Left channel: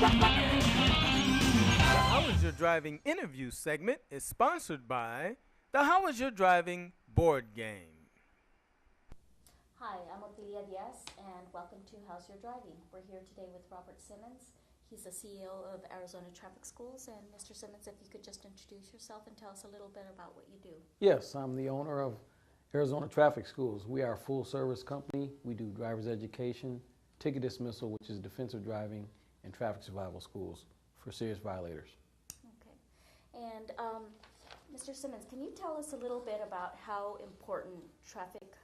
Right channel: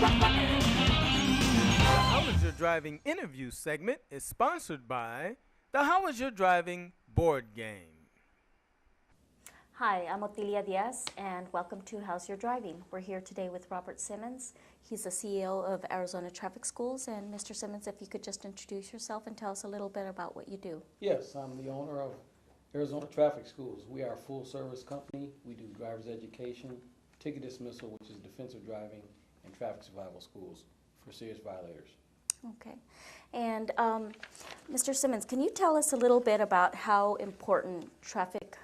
The How Is Your Driving interview segment is sponsored by the How Is Your Driving board game. Hi, I'm Otilia Diaz, and welcome to How's Your Driving. We're here today with Robert Simmons. He's the CEO of Arizona Traffic Schools. And Mr. Simmons, if you could just introduce yourself and tell us a little bit about what you do. Yes, I'm the owner of Arizona Traffic Schools. We are a full-service company. We do driver's education, ticket dismissal, which is defensive driving, and traffic survival schools for serious violators. Okay. And Mr. Simmons, can you tell us a little bit about how important traffic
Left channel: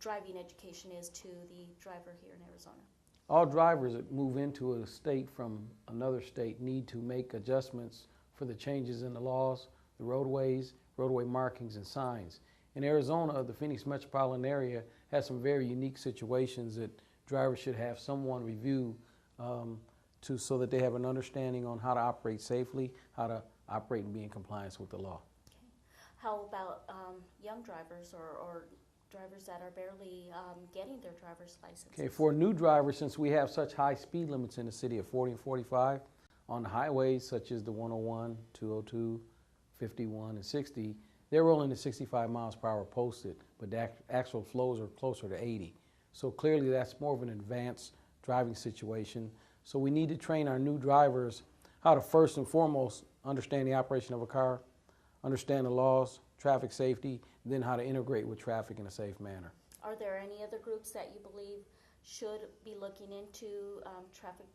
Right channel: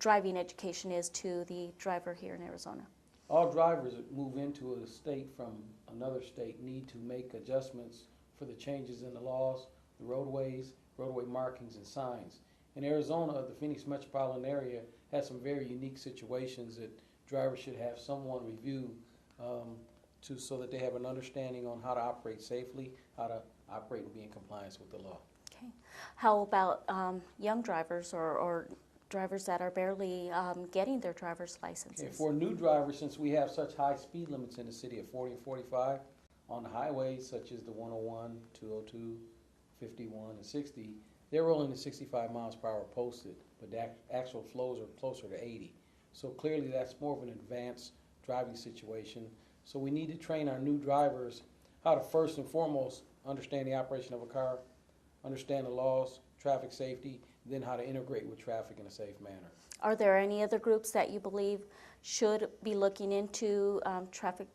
driving education is to the driver here in Arizona? All drivers that move into a state from another state need to make adjustments for the changes in the laws, the roadways, roadway markings, and signs. In Arizona, the Phoenix metropolitan area has some very unique situations that drivers should have someone review so that they have an understanding on how to operate safely, how to operate and be in compliance with the law. Okay. How about young drivers or drivers that are barely getting their driver's licenses? Okay, for a new driver, since we have such high speed limits in the city of 40 and 45, on the highways such as the 101, 202, 51, and 60, they're rolling at 65 miles per hour posted, but the actual flows are closer to 80. So clearly that's more of an advanced driving situation. So we need to train our new drivers how to first and foremost understand the operation of a car, understand the laws, traffic safety, and then how to integrate with traffic in a safe manner. Are there any other groups that you believe should be looking into traffic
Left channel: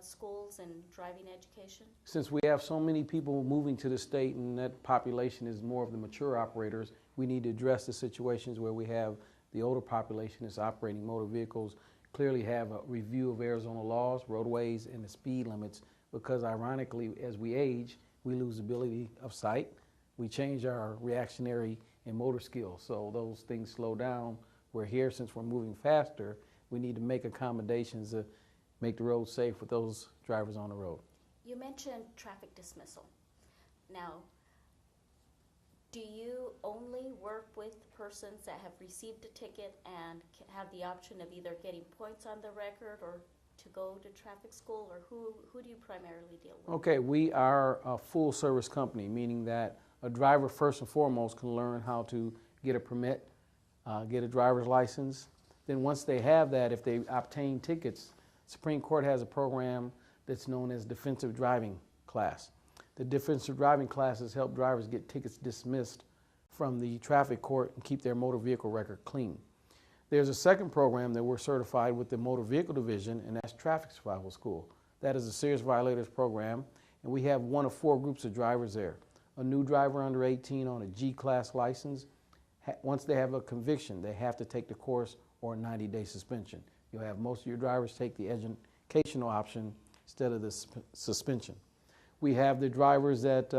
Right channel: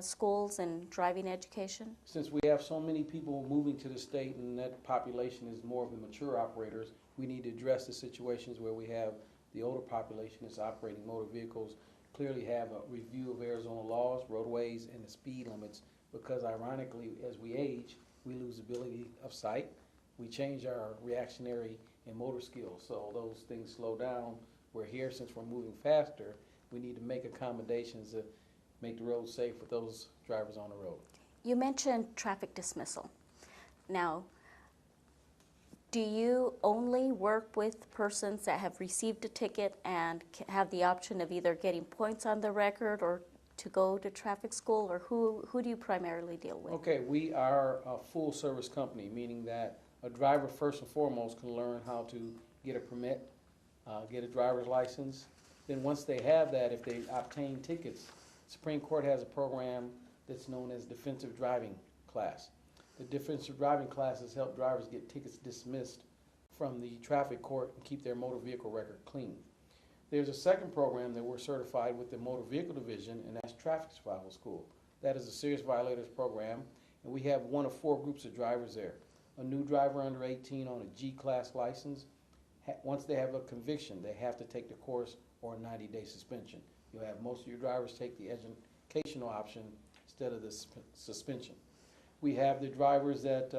schools and driving education? Since we have so many people moving to the state and that population is more of the mature operators, we need to address the situations where we have the older population that's operating motor vehicles, clearly have a review of Arizona laws, roadways, and the speed limits, because ironically, as we age, we lose ability of sight. We change our reactionary and motor skills, so those things slow down. We're here, since we're moving faster, we need to make accommodations to make the road safe with those drivers on the road. You mentioned traffic dismissal. Now, do you only work with persons that have received a ticket and have the option of either getting points on the record or to go to traffic school, or who do you primarily deal with? Okay, we are a full service company, meaning that a driver first and foremost can learn how to get a permit, get a driver's license. Then once they have that, if they obtain tickets, Supreme Court has a program that's known as defensive driving class. The defensive driving classes help drivers get tickets dismissed from the traffic court and keep their motor vehicle record clean. There's a second program that we're certified with the Motor Vehicle Division, and that's Traffic Survival School. That is a serious violators program, and we have one of 4 groups of drivers there. A new driver under 18 on a G-class license, once they have a conviction, they have to take the course or a 90-day suspension. You'll have most of your drivers take the educational option instead of the suspension. We have the drivers that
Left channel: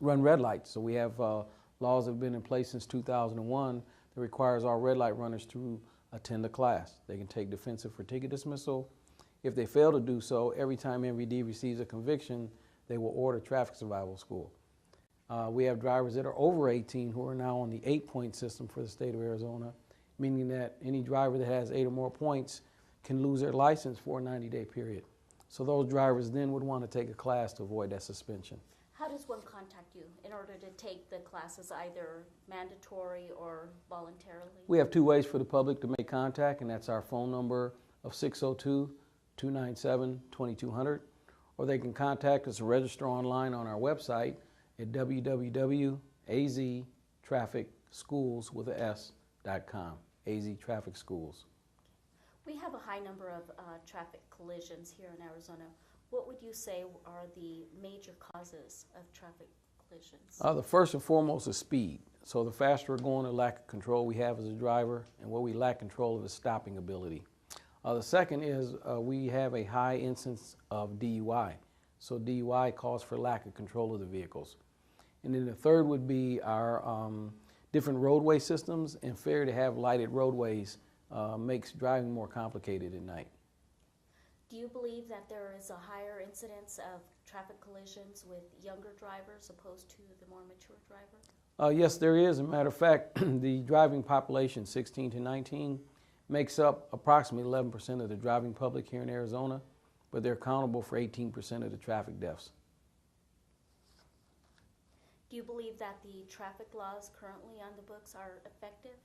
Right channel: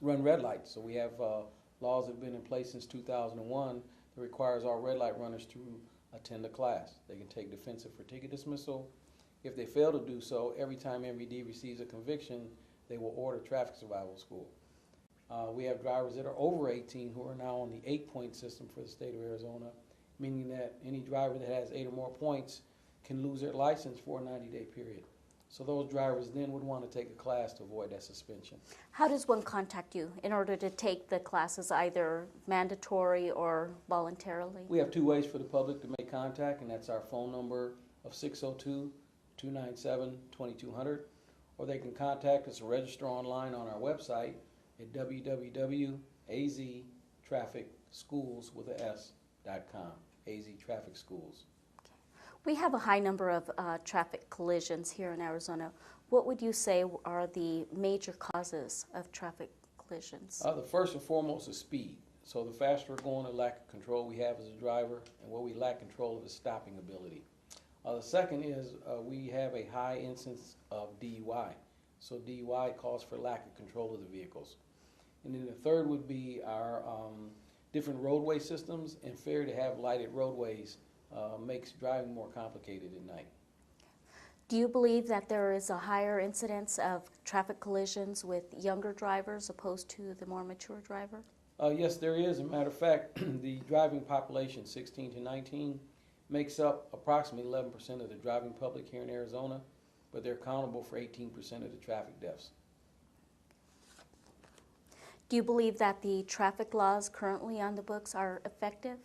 run red lights. So we have laws that have been in place since 2001 that requires all red light runners to attend a class. They can take defensive for ticket dismissal. If they fail to do so, every time MVD receives a conviction, they will order traffic survival school. We have drivers that are over 18 who are now on the 8-point system for the state of Arizona, meaning that any driver that has 8 or more points can lose their license for a 90-day period. So those drivers then would want to take a class to avoid that suspension. How does one contact you in order to take the classes, either mandatory or voluntarily? We have 2 ways for the public to make contact, and that's our phone number of 602-297-2200, or they can contact us or register online on our website at www.aztrafficschools.com, AZ Traffic Schools. We have a high number of traffic collisions here in Arizona. What would you say are the major causes of traffic collisions? The first and foremost is speed. So the faster we're going, the lack of control we have as a driver, and what we lack control of is stopping ability. The second is we have a high incidence of DUI. So DUI calls for lack of control of the vehicles. And then the third would be our different roadway systems, and failure to have lighted roadways makes driving more complicated at night. Do you believe that there is a higher incidence of traffic collisions with younger drivers opposed to the more mature driver? Yes, there is. As a matter of fact, the driving population, 16 to 19, makes up approximately 11% of the driving public here in Arizona, but they're accountable for 18% of the traffic deaths. Do you believe that the traffic laws currently on the books are effective?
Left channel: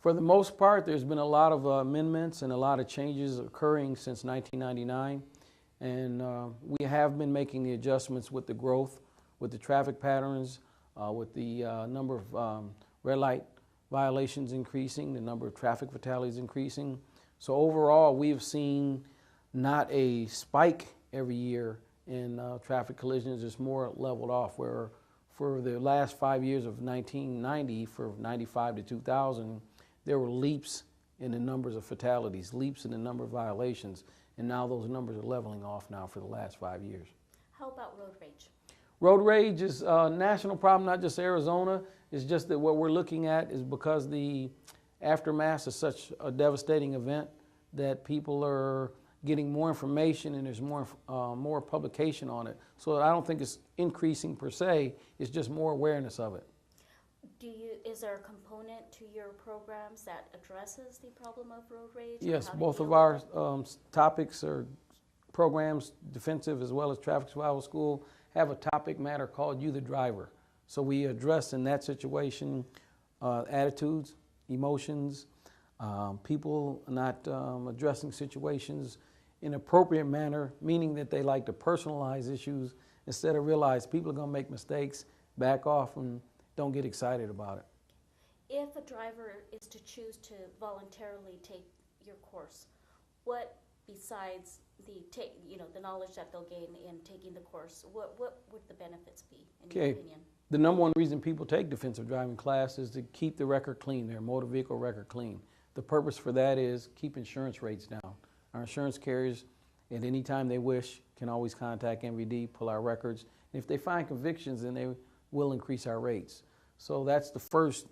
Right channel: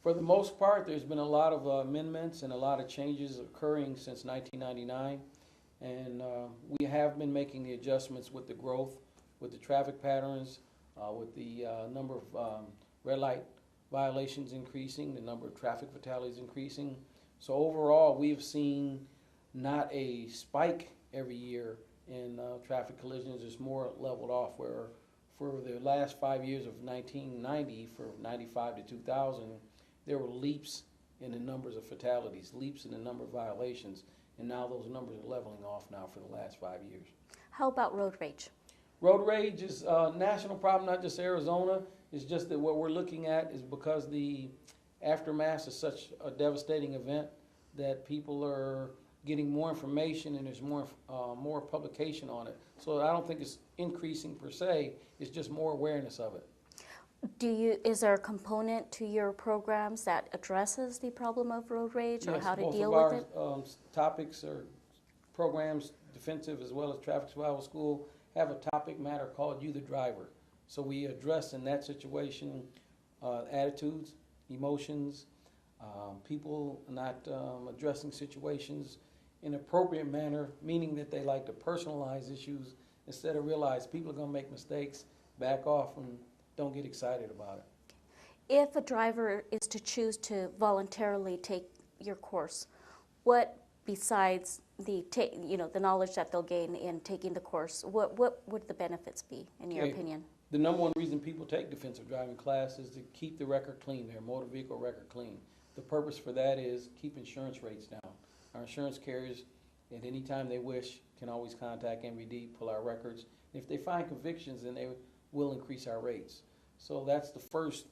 For the most part, there's been a lot of amendments and a lot of changes occurring since 1999, and we have been making the adjustments with the growth, with the traffic patterns, with the number of red light violations increasing, the number of traffic fatalities increasing. So overall, we've seen not a spike every year in traffic collisions. It's more leveled off, where for the last 5 years of 1990, for 95 to 2000, there were leaps in the numbers of fatalities, leaps in the number of violations, and now those numbers are leveling off now for the last 5 years. How about road rage? Road rage is a national problem, not just Arizona. It's just that what we're looking at is because the aftermath is such a devastating event that people are getting more information and there's more publication on it. So I don't think it's increasing per se, it's just more awareness of it. Is there a component to your programs that addresses the problem of road rage, or Yes, how to both deal of with it? our topics or programs, defensive as well as traffic survival school, have a topic matter called You the Driver. So we address in that situation attitudes, emotions, people not addressing situations in an appropriate manner, meaning that they like to personalize issues instead of realize people are going to make mistakes, back off, and don't get excited about it. If a driver is to choose to voluntarily take your course, what besides the knowledge that they'll gain in taking the course, what would the benefits be, in your opinion? The number one reason people take defensive driving class is to keep the record clean, their motor vehicle record clean. The purpose for that is keep insurance rates down. Our insurance carriers, at any time they wish, can always contact MVD, pull our records. And if they find convictions, then they will increase our rates. So that's the first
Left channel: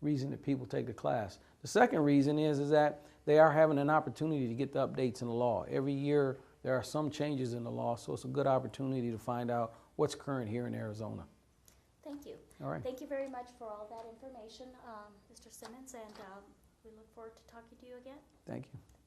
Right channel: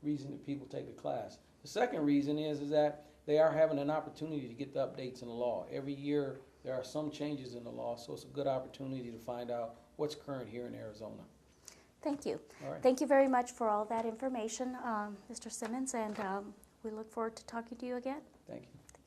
reason that people take the class. The second reason is that they are having an opportunity to get the updates in the law. Every year there are some changes in the law, so it's a good opportunity to find out what's current here in Arizona. Thank you. All right. Thank you very much for all that information, Mr. Simmons, and we look forward to talking to you again. Thank you.